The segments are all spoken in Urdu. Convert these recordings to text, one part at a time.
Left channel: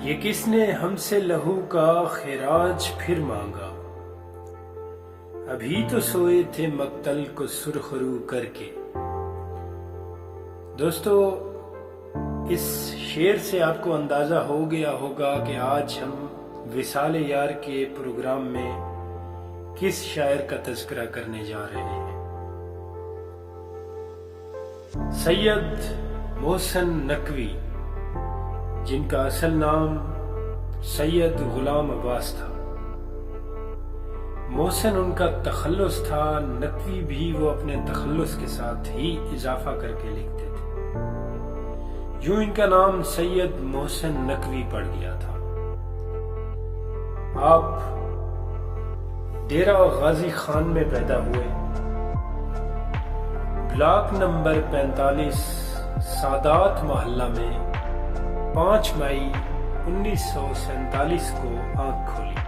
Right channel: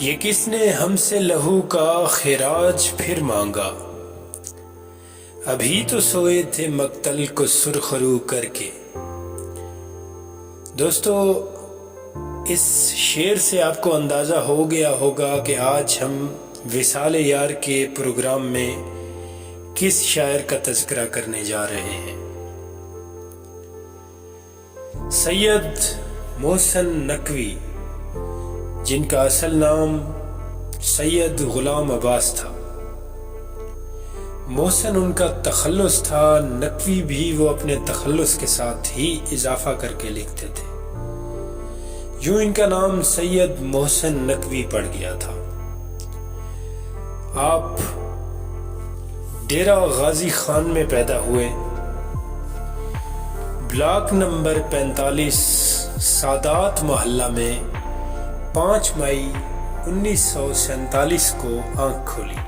یہ کس نے ہم سے لہو کا خراج پھر مانگا، ابھی تو سوئے تھے مقتل کو سرخرو کر کے۔ دوستو، اس شعر سے آپ کو اندازہ ہو گیا ہوگا کہ آج ہم وصال یار کے پروگرام میں کس شاعر کا تذکرہ کرنے جا رہے ہیں۔ سید محسن نقوی، جن کا اصل نام سید غلام عباس تھا۔ محسن ان کا تخلص تھا، نقوی بھی وہ اپنے تخلص کے ساتھ ہی اضافہ کر کے لکھتے تھے، یوں ان کا نام سید محسن نقوی پڑ گیا تھا۔ آپ ڈیرہ غازی خان میں پیدا ہوئے، بلاک نمبر 45 سادات محلہ میں 5 مئی 1947 کو آنکھ کھولی۔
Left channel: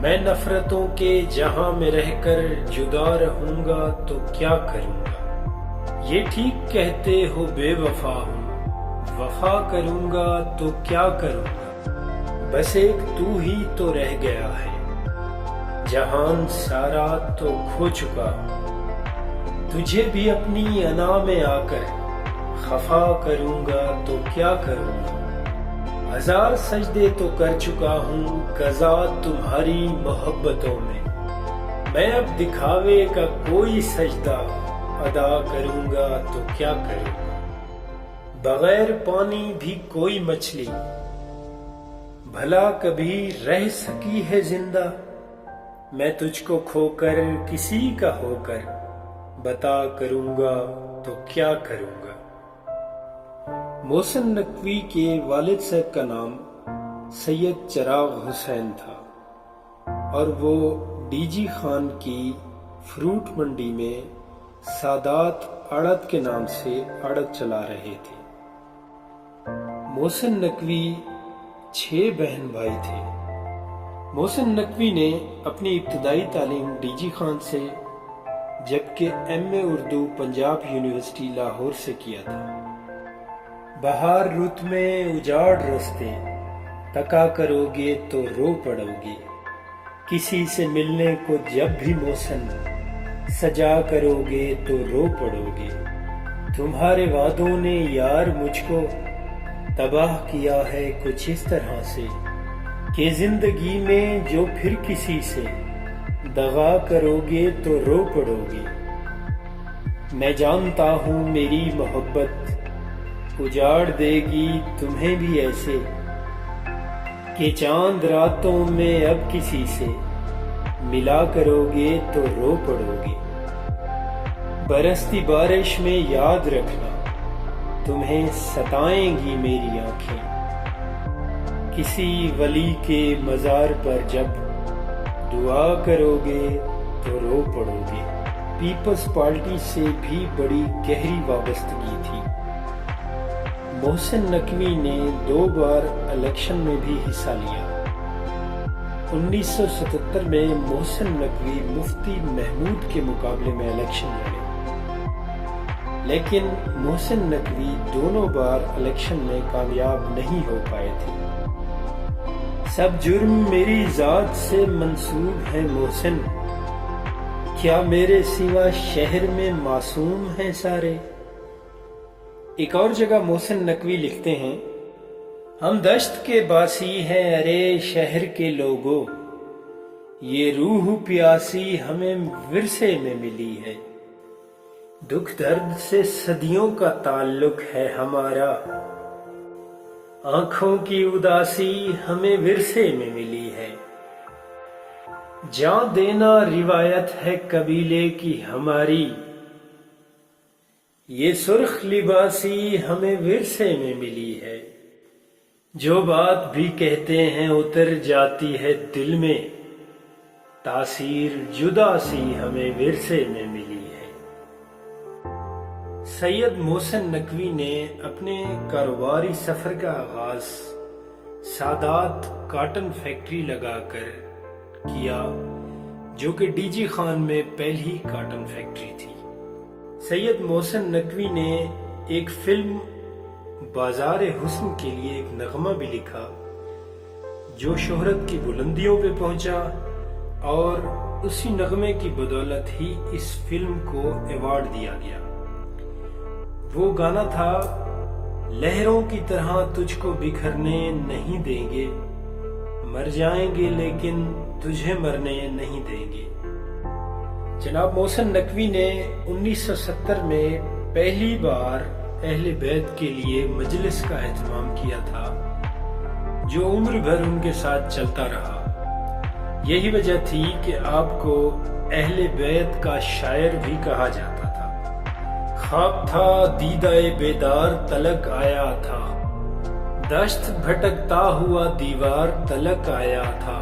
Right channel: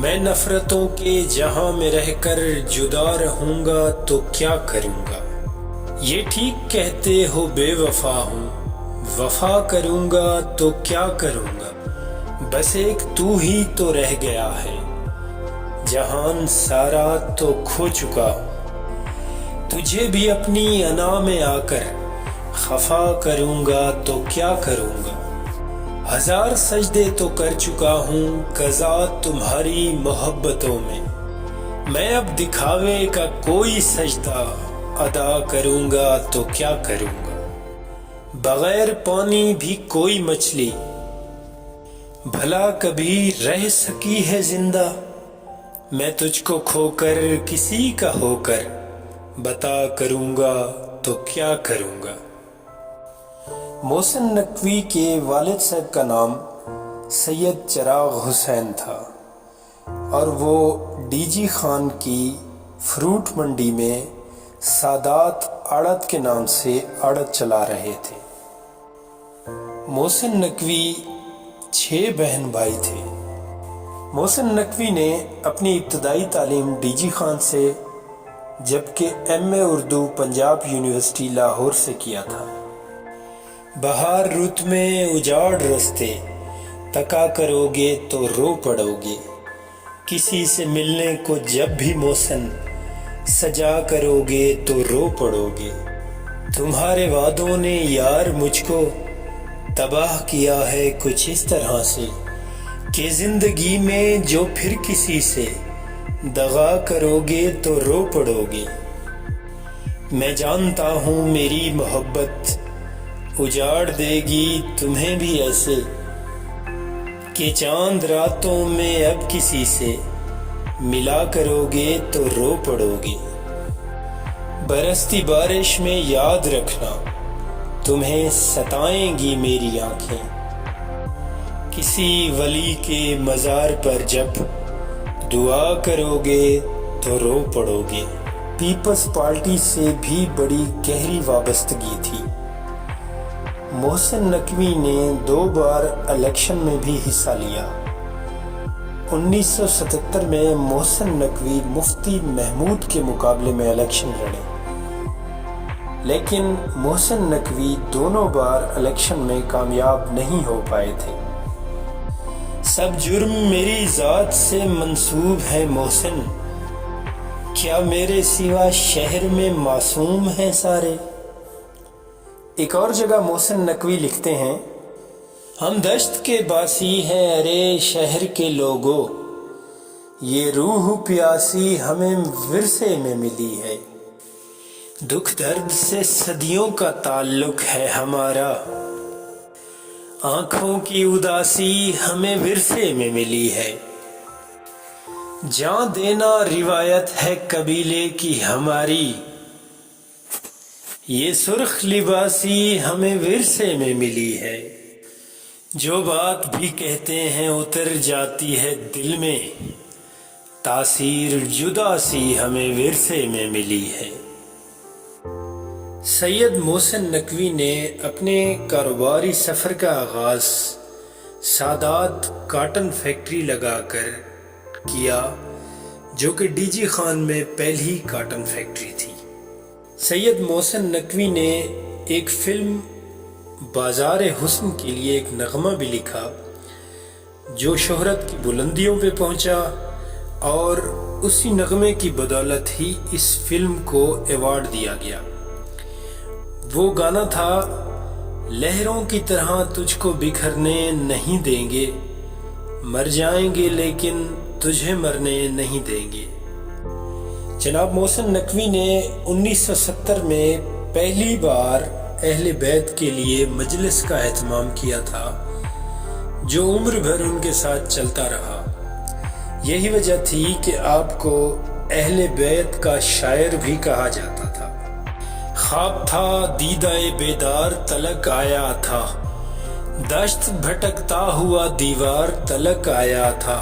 میں نفرتوں کے جہاں میں رہ کر جدا رہوں گا تو کیا کروں گا، یہ ٹھیک کہتے ہو بے وفا ہوں، وفا کروں گا تو کیا کروں گا، بس ایک تو ہی تو رہ گیا ہے، جہان سارا تو کھو چکا ہوں، تجھے بھی اپنی انا میں آ کر خفا کروں گا تو کیا کروں گا، ہزار سجدے تو کر چکا ہوں قضا تمہاری محبتوں میں اب دکھاوے کا کوئی سجدہ ادا کروں گا تو کیا کروں گا، بغیر پانی بھی کوئی مچھلی بھلا کبھی رہ سکی ہے زندہ، میں تجھ کو کھو کر کسی کا ہو کر بتا کروں گا تو کیا کروں گا۔ محسن نقوی کے والد صاحب کا نام سید چراغ حسین تھا اور وہ ڈی جی خان کی فروٹ منڈی میں سادات آڑت کے نام سے آڑت چلا رہے تھے۔ محسن نقوی 6 بہن بھائی تھے۔ محسن نقوی نے اپنی ابتدائی تعلیم ڈی جی خان سے جبکہ ایم اے اردو پنجاب یونیورسٹی لاہور سے کیا تھا۔ بہار رت میں اجاڑ رستے تکا کرو گے تو رو پڑو گے، کسی سے ملنے کو جب بھی محسن سجا کرو گے تو رو پڑو گے، تمہارے وعدوں نے یار مجھ کو تباہ کیا ہے کچھ اس طرح سے کہ زندگی میں جو پھر کسی سے دغا کرو گے تو رو پڑو گے، میں جانتا ہوں میری محبت اجاڑ دے گی تمہیں بھی ایسے کہ چاند راتوں میں اب کسی سے ملا کرو گے تو رو پڑو گے، برستی بارش میں یاد رکھنا تمہیں ستائیں گی میری آنکھیں، کسی ولی کے مزار پر جب دعا کرو گے تو رو پڑو گے۔ پیپلز پارٹی سے بھی بڑی گہری وابستگی تھی۔ محسن نقوی نے 2 بار الیکشن میں بھی حصہ لیا۔ 1977 میں محسن نقوی مفتی محمود کے مقابلے میں الیکشن لڑے، لیکن محسن نقوی دونوں بار الیکشن میں کامیاب نہیں ہو پائے تھے۔ سب جرم میری ذات سے منسوب ہے محسن، کیا میرے سوا شہر میں معصوم ہیں سارے۔ ایک اور جگہ محسن نقوی لکھتے ہیں، ہم دشت کے باسی ہیں ارے شہر کے لوگوں، یہ روح پیاسی ہمیں ورثے میں ملی ہے، دکھ درد سے صدیوں کا تعلق ہے ہمارا، آنکھوں کی اداسی ہمیں ورثے میں ملی ہے، جاں دینا روایت ہے قبیلے کی ہماری، یہ سرخ لباسی ہمیں ورثے میں ملی ہے، جو بات بھی کہتے ہیں اتر جاتی ہے دل میں، تاثیر جدا سی ہمیں ورثے میں ملی ہے۔ سید محسن نقوی نے اپنے کاروباری سفر کا آغاز سادات کاٹن فیکٹری لگا کر کیا، جو کہ ڈی جی خان میں پہلی کاٹن فیکٹری تھی۔ سید محسن نقوی نے ایک فلم بازار حسن کے لیے ایک نغمہ بھی لکھا جو شہرت کی بلندیوں پہ پہنچا، اور اسی نغمے کی بدولت ہی اس فلم کو ایوارڈ دیا گیا۔ وہ گانا تھا، لہروں کی طرح تجھ کو بکھرنے نہیں دیں گے، مر جائیں گے لیکن تجھے مرنے نہیں دیں گے۔ جناب محسن نقوی نے 1970 میں پہلی بار اہل بیت کے لیے مجلس کا اہتمام کیا تھا جو عمر بھر ان کے ساتھ چلتا رہا۔ یہی وجہ تھی کہ آپ کو اہل بیت کا شاعر بھی کہا جاتا تھا۔ خواب تھا دیدہ بیدار تلک آیا تھا، دشت بھٹکتا ہوا دیوار تلک آیا تھا،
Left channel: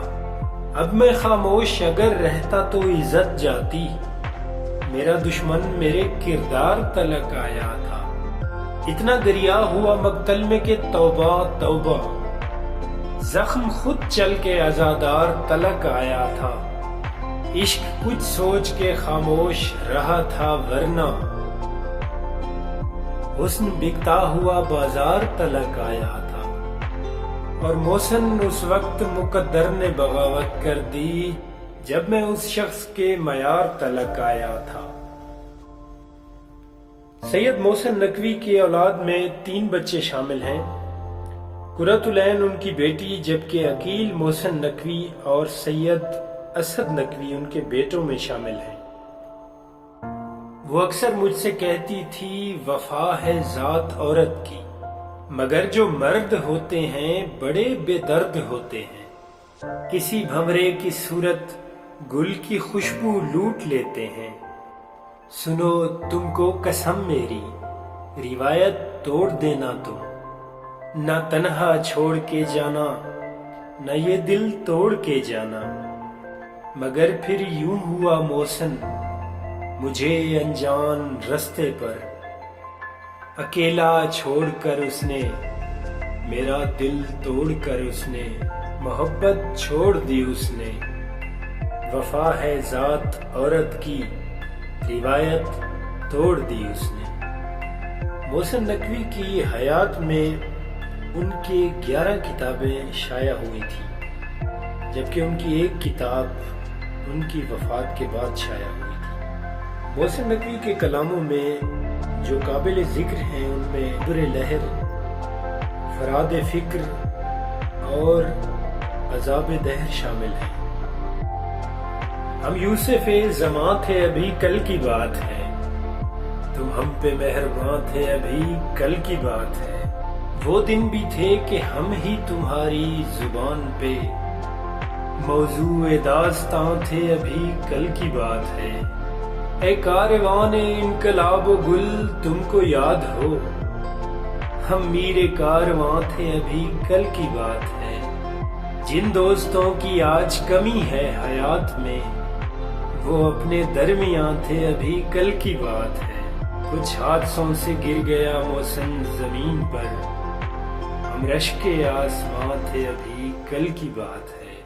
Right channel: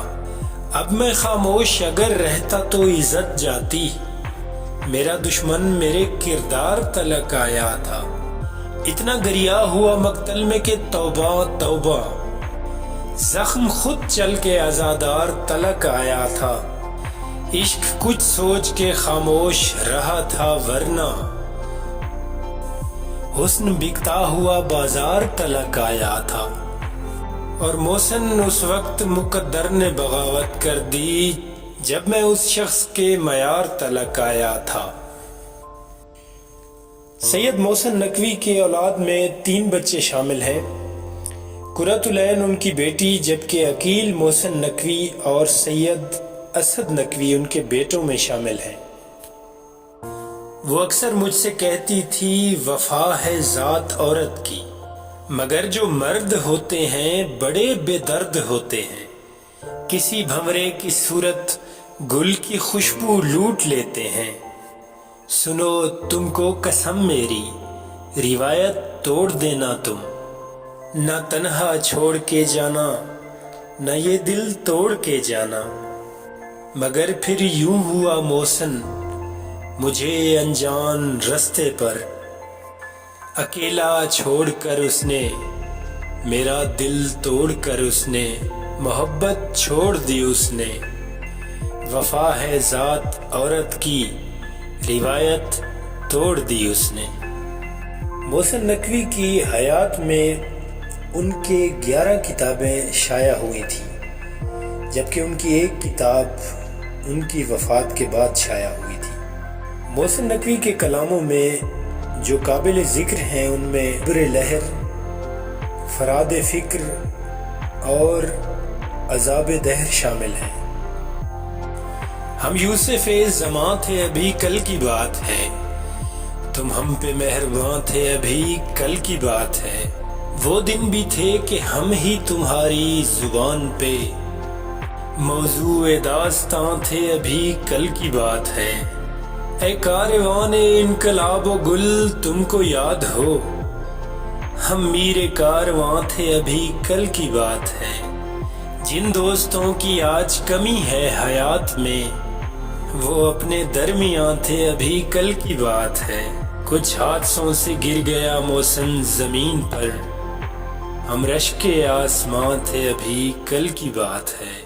اب میں خاموش اگر رہتا تو عزت جاتی، میرا دشمن میرے کردار تلک آیا تھا، اتنا گریا ہوا مقتل میں کہ توبہ توبہ، زخم خود چل کے عزادار تلک آیا تھا، عشق کچھ سوچ کے خاموش رہا تھا ورنہ حسن بکتا ہوا بازار تلک آیا تھا۔ اور محسن اس وقت مقدر نے بغاوت کر دی جب میں اس شخص کے معیار تلک آیا تھا۔ سید محسن نقوی کی اولاد میں 3 بچے شامل ہیں۔ قرۃ العین ان کی بیٹی، جبکہ عقیل محسن نقوی اور سید اسد نقوی ان کے بیٹوں میں شامل ہیں۔ وہ اکثر مجھ سے کہتی تھی، وفا ہے ذات عورت کی، مگر جو مرد ہوتے ہیں بڑے بے درد ہوتے ہیں، کسی بھنورے کی صورت گل کی خوشبو لوٹ لیتے ہیں، سنو تم کو قسم میری روایت توڑ دینا تم، نہ تنہا چھوڑ کے جانا نہ یہ دل توڑ کے جانا، مگر پھر یوں ہوا محسن مجھے انجان رستے پر، اکیلا چھوڑ کر اس نے میرا دل توڑ کر اس نے محبت چھوڑ دی اس نے، وفا ہے ذات عورت کی روایت توڑ دی اس نے۔ محسن نقوی کی حیات میں ان کے 11 کتابیں شائع ہوئی تھیں، جبکہ ان کی ایک کتاب ان کی وفات کے بعد شائع ہوئی تھی۔ محسن نقوی کے کلاموں میں جو قابل ذکر ہیں ان میں بر لہر، فراد فکر اور عذاب دہر شامل ہیں۔ ہم یوسف زماں تھے ابھی کل کی بات ہے، تم ہم پہ مہرباں تھے ابھی کل کی بات ہے، وہ دن بھی تھے کہ ہم ہی تمہاری زبان پہ موضوع داستاں تھے ابھی کل کی بات ہے، اے کاروان انقلاب و گل تم کو یاد ہو، ہم میر کارواں تھے ابھی کل کی بات ہے، جن دوستوں کی آج کمی ہے حیات میں وہ اپنے درمیاں تھے ابھی کل کی بات ہے، کچھ حادثوں سے گر گیا محسن زمین پر، ہم رشک آسماں تھے ابھی کل کی بات ہے۔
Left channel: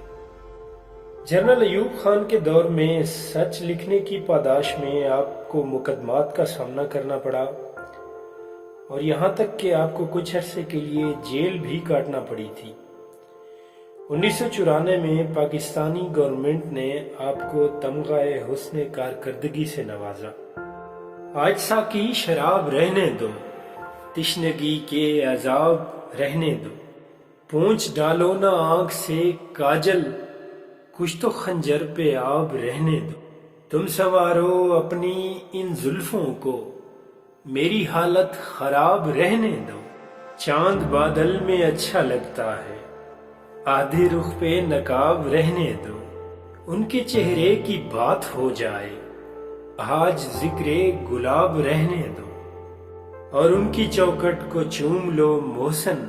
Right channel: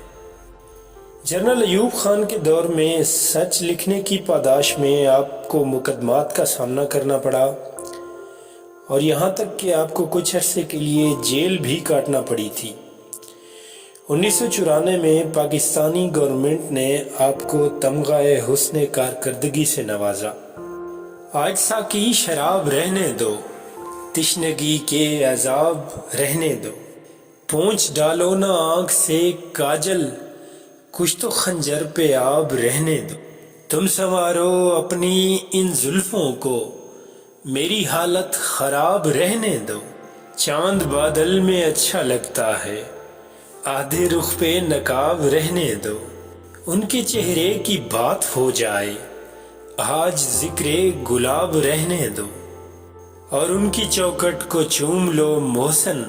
جنرل ایوب خان کے دور میں سچ لکھنے کی پاداش میں آپ کو مقدمات کا سامنا کرنا پڑا، اور یہاں تک کہ آپ کو کچھ عرصے کے لیے جیل بھی کاٹنا پڑی تھی۔ 1994 میں پاکستانی گورنمنٹ نے آپ کو تمغہ حسن کارکردگی سے نوازا۔ آج ساقی شراب رہنے دو، تشنگی کے عذاب رہنے دو، پونچھ ڈالو نہ آنکھ سے کاجل، کچھ تو خنجر پہ آب رہنے دو، تم سنوارو اپنی ان زلفوں کو، میری حالت خراب رہنے دو، چاند بادل میں اچھا لگتا ہے، آدھے رخ پہ نقاب رہنے دو، ان کے چہرے کی بات ہو جائے، آج ذکر گلاب رہنے دو، اور ان کی چوکٹ کو چوم لو محسن،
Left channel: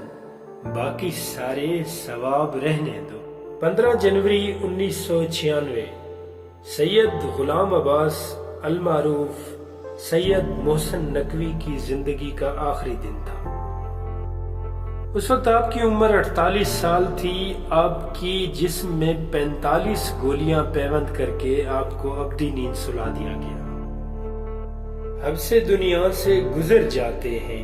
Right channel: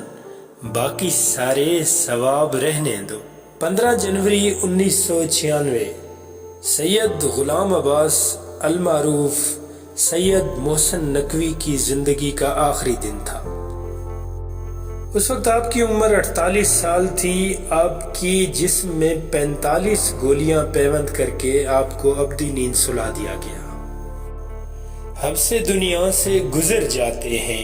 باقی سارے ثواب رہنے دو۔ 15 جنوری 1996 سید غلام عباس المعروف سید محسن نقوی کی زندگی کا آخری دن تھا۔ اس وقت آپ کی عمر 48 سال تھی۔ آپ کی جسم میں 45 گولیاں پیوند کر کے آپ کو ابدی نیند سلا دیا گیا۔ ہم سے دنیا سے گزر جاتے ہیں،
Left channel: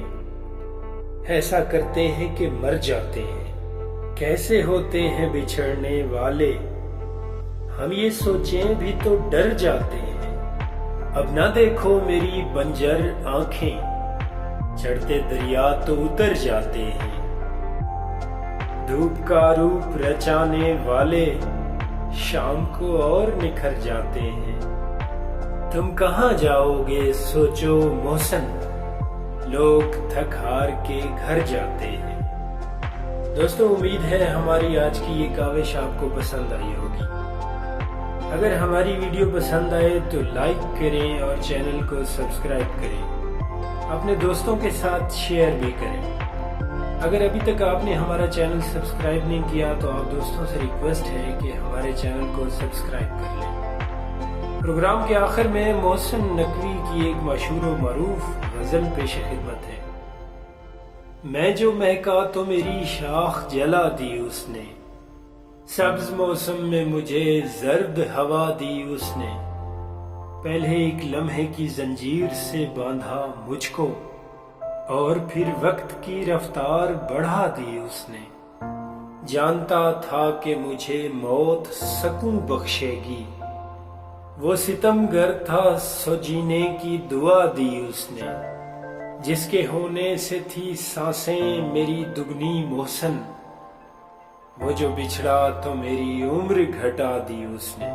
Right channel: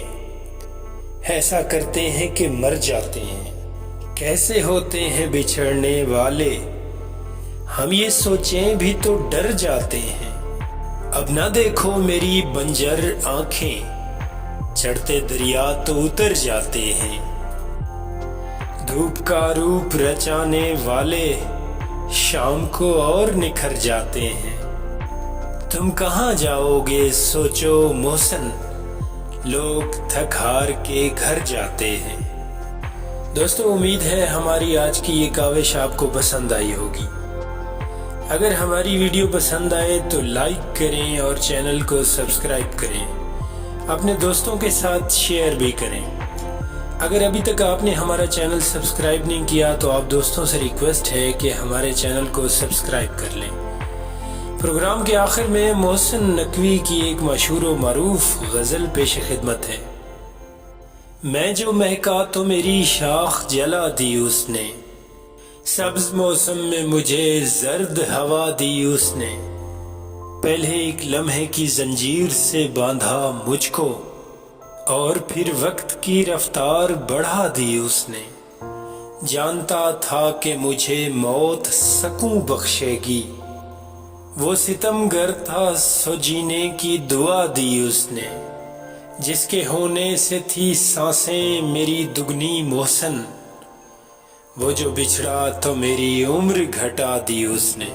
ایسا کرتے ہیں کہ مر جاتے ہیں، کیسے ہوتے ہیں بچھڑنے والے، ہم یہ سوچیں بھی تو ڈر جاتے ہیں، اب نہ دیکھو میری بنجر آنکھیں، چڑھتے دریا تو اتر جاتے ہیں، دھوپ کا روپ رچانے والے شام کو اور نکھر جاتے ہیں، تم کہاں جاؤ گے سوچو محسن، لوگ تھک ہار کے گھر جاتے ہیں۔ دوستو، امید ہے ہماری آج کی یہ کاوش آپ کو پسند آئی ہوگی۔ اگر ہماری ویڈیو پسند آئے تو لائک کریں اور چینل کو سبسکرائب کریں، اپنے دوستوں کے ساتھ شیئر بھی کریں۔ اگر ابھی تک آپ نے ہمارا چینل سبسکرائب نہیں کیا تو آپ دوستوں سے ریکویسٹ ہے کہ ہمارے چینل کو سبسکرائب کر لیں۔ پروگرام کے آخر میں محسن نقوی کی ایک مشہور و معروف غزل پیش خدمت ہے۔ میں جو مہکا تو میری شاخ جلا دی اس نے، سبز موسم میں مجھے زرد ہوا دی اس نے، پہلے ایک لمحے کی زنجیر سے باندھا مجھ کو، اور پھر وقت کی رفتار بڑھا دی اس نے، جانتا تھا کہ مجھے موت سکوں بخشے گی، وہ ستم گر تھا سو جینے کی دعا دی اس نے، جس کے ہونے سے تھی سانسیں میری دگنی محسن، وہ جو بچھڑا تو میری عمر گھٹا دی اس نے۔